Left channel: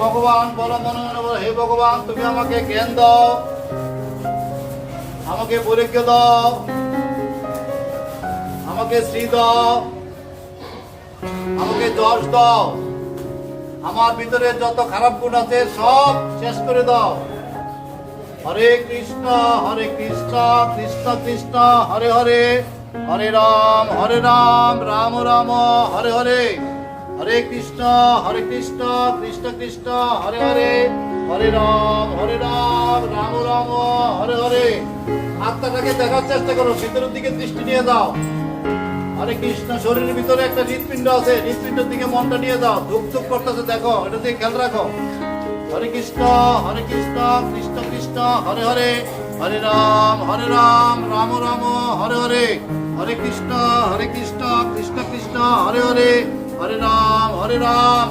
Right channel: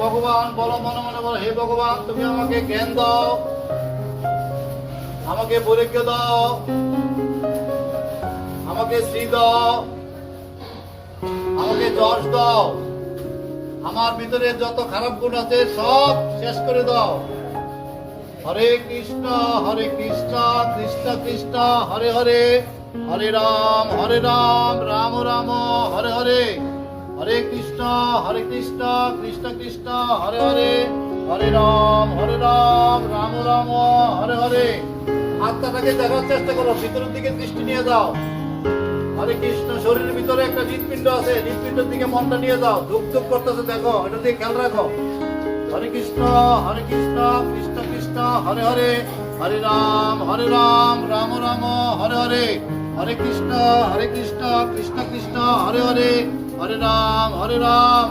ভগবান, বলো মনে মনে বলো, হে ভগবান তুমি আমাকে জ্ঞান দাও, আমাকে বৈরাগ্য দাও, আমাকে শ্রী দাও, আমাকে যশ দাও, আমার ভিতরে যত খারাপ গুণ আছে সব শেষ করে দাও। হরে কৃষ্ণ কৃষ্ণ কৃষ্ণ হরে হরে, হরে রাম রাম রাম হরে হরে, হরে কৃষ্ণ কৃষ্ণ কৃষ্ণ হরে হরে, হরে রাম রাম রাম হরে হরে। আত্মাটাকে দেখার চেষ্টা করো, ভিতরের দিকে দৃষ্টি নিয়ে দাও। হরে কৃষ্ণ, শরীরের ভিতরে একটা হৃৎপিণ্ড আছে, হৃৎপিণ্ডের দিকে মনটা নিয়ে দাও। ধুক ধুক করতেছে, দেখো, এটা দিয়ে খেয়াল রাখো। হরে কৃষ্ণ কৃষ্ণ কৃষ্ণ হরে হরে, হরে রাম রাম রাম হরে হরে, হরে কৃষ্ণ কৃষ্ণ কৃষ্ণ হরে হরে, হরে রাম রাম